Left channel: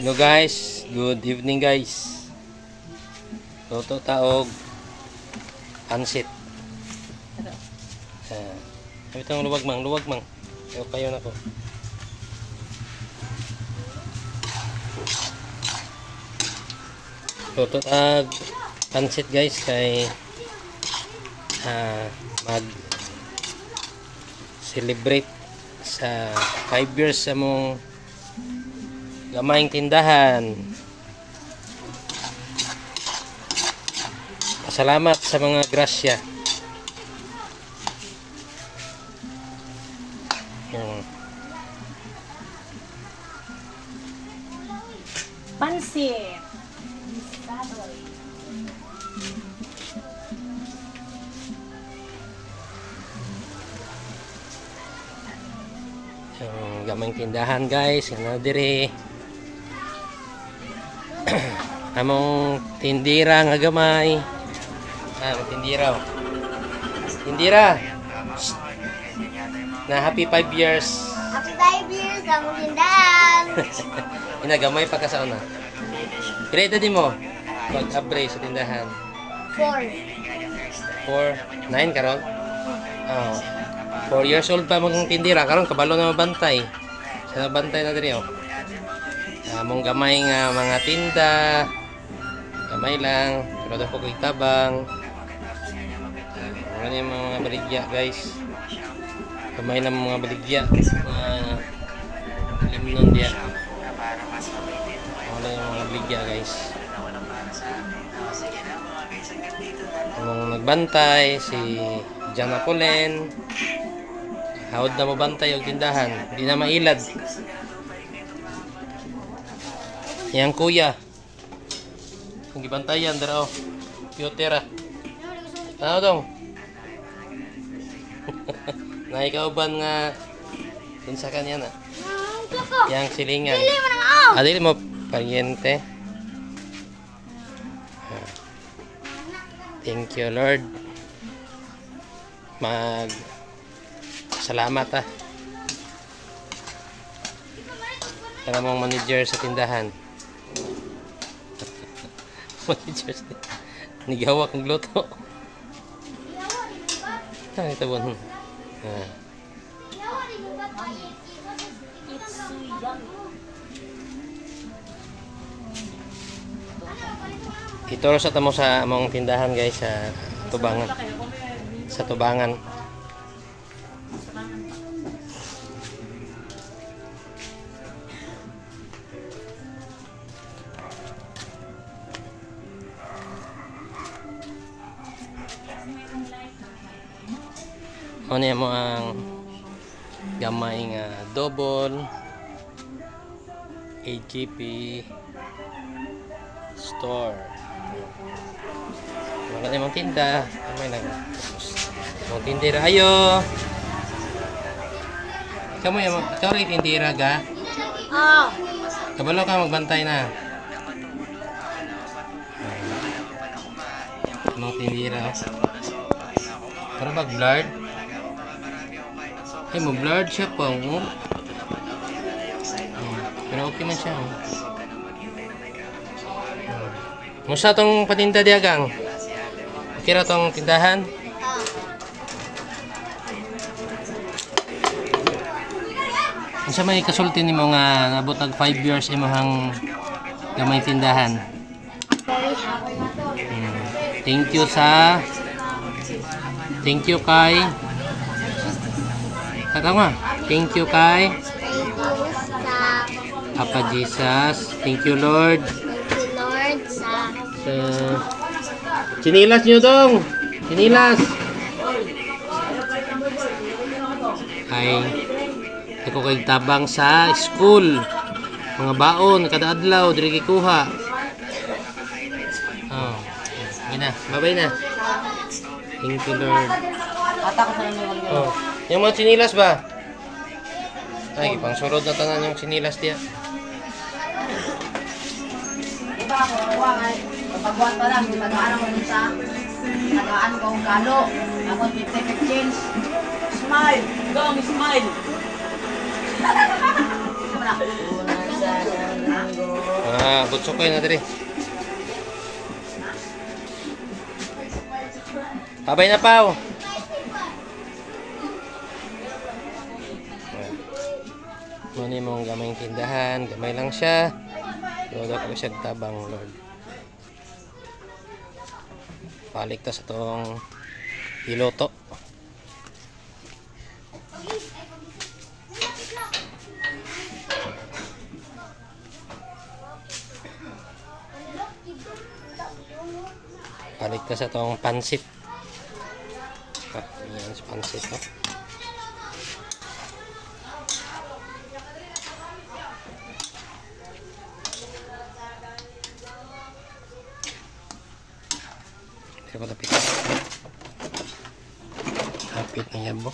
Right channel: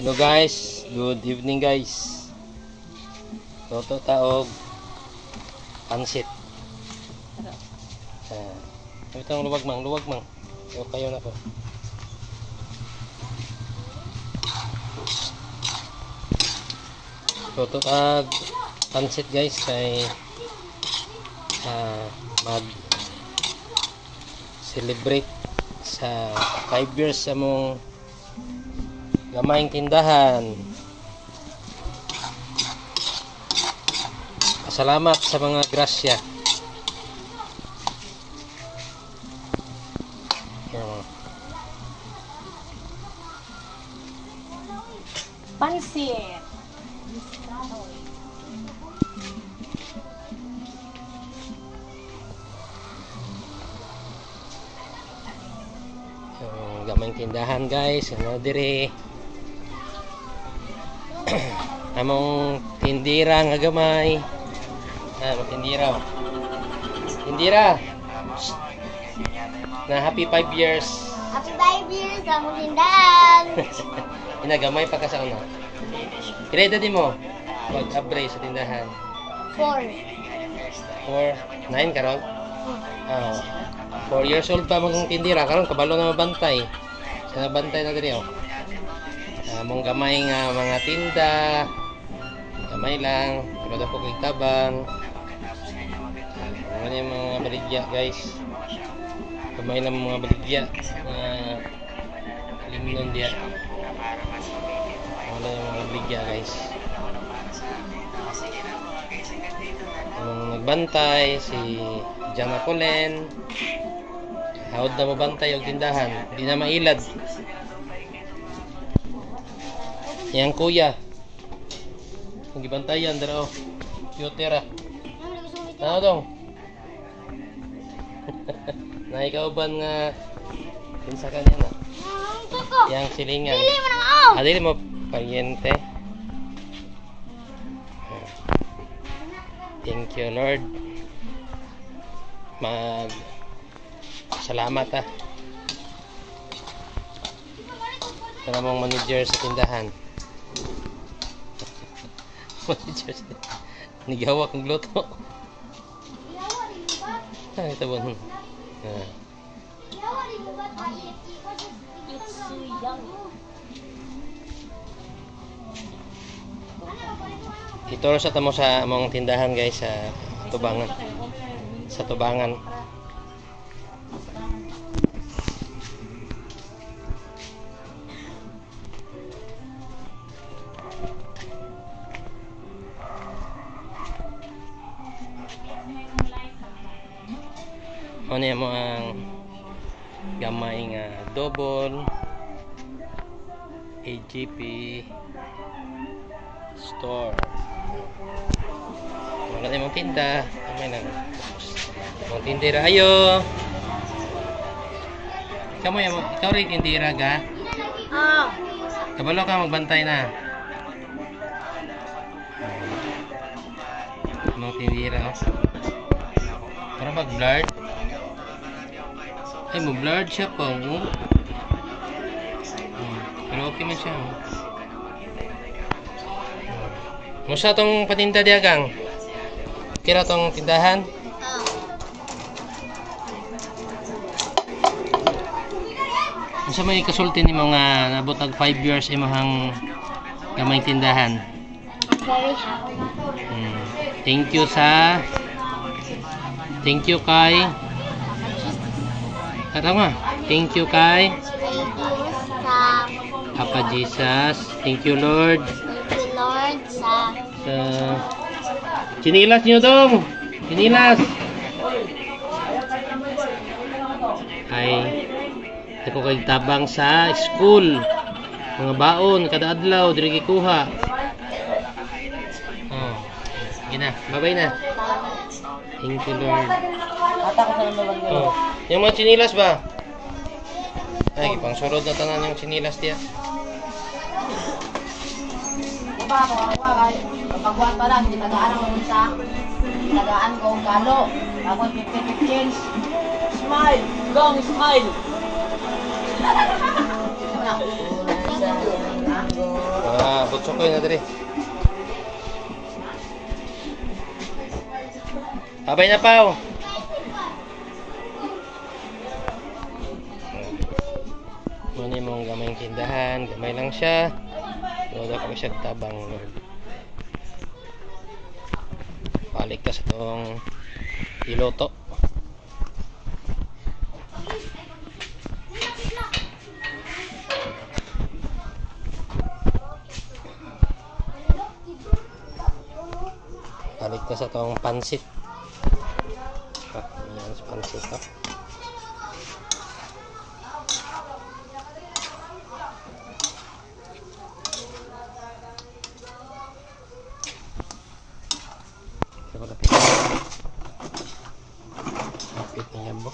Hello guys, good evening guys. Toto taog pansit. Ito luwag mang. Kayo na ko. Toto taog pansit guys kay mag celebrate sa 5 years sa mong gamayng tindahan. Pasalamat sa mga grasya. Pansit. Gamayng tindahan guys, ano diri among tindira nga gamay. Tindira. Na happy 5 years. Happy 5 years among tindahan. Inagamay pa ka sa una. Pila edad mo? Pag-abre sa tindahan. 4. 9 karon? Oh. 4 years old pa mong tindira karon kabalo na mabantay. Sa nabantay na diri oh. Mong gamay nga mga tinda. Gamay lang, pero daw ko tabang. Ano yung mga baligya guys. Gamay lang mga baligya. Limnon dia. Wala yung mga baligya guys. Mong nagbantay si Jama Colen. Hawad na mabantay yung tindahan. Hindi na mailad. Yang kuya. Ang gibantayan dara oh. Piotera. Ano dong? Naikauban nga kinsa kanya na. Yang silingan. Dili mo paryente. Thank you Lord. Salamat Kaya mong manager sa tindahan. Manager sa nigawak ng luto. Ito po. Ito sa tamo sa among tindahan guys sa Tubangan. Sa Tubangan. Ano mo ang gamay nga double AGP store. Mga mong tinda, gamay na. Mga tindera ayo. Kamu yung ikaw rin tindera ga? Kabalo ka magbantay na. Mga tindera. Para mag-blurred. Ay, mo-blurred siya pa. Pero okay man siya. Musta tong patinda diagang? Kira tong tindahan? Unsa may kasulti nimo nga nabot og 5 years imong gamay tindahan? Very happy. Thank you kay Thank you kay Papa Jesus. Thank you Lord. Sa chinilas nyo dong. Chinilas. Ay ako kay tabang sa school. Mga baon kada adlaw diri gikuha. Ina, bye-bye na. Thank you Lord. Ata ko sa naman. Yung mga chinilas ba? Ay, pang surod na tanan yung chinilas diya. Iba ako, pagbuhat pa lang, tagaan ako sa tagaan ko galo. Ako take change. Smile! Gong, smile! Butsukoy na diri. Babay na pa. Muna mong gamay tindahan. Gamay lang siya. Lodo ko siya tabang, Lord. Balik ka sa itong iloto. Balik ka sa itong pansit. Ayan sa pansit. Kapit na yan mo.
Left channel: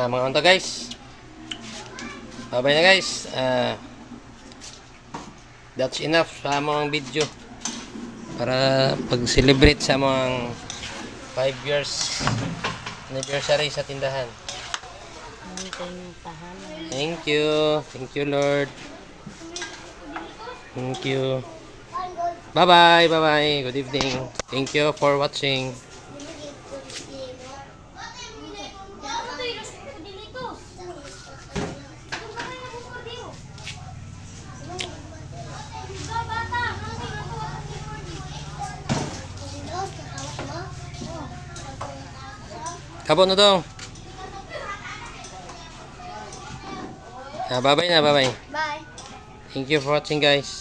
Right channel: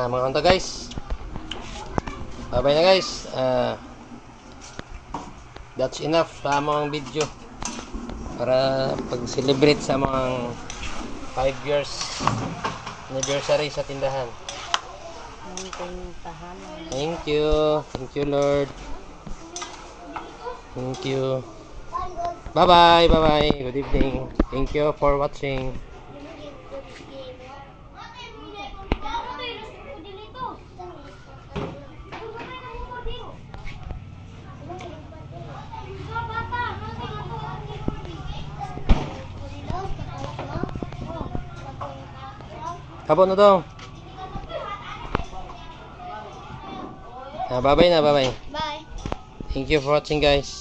Mga unta guys, bye na guys. That's enough sa among video para pag-celebrate sa mga 5 years anniversary sa tindahan. Thank you Lord. Thank you. Bye bye. Good evening. Thank you for watching. Kabon na dong. Bye bye. Bye. Thank you for watching guys.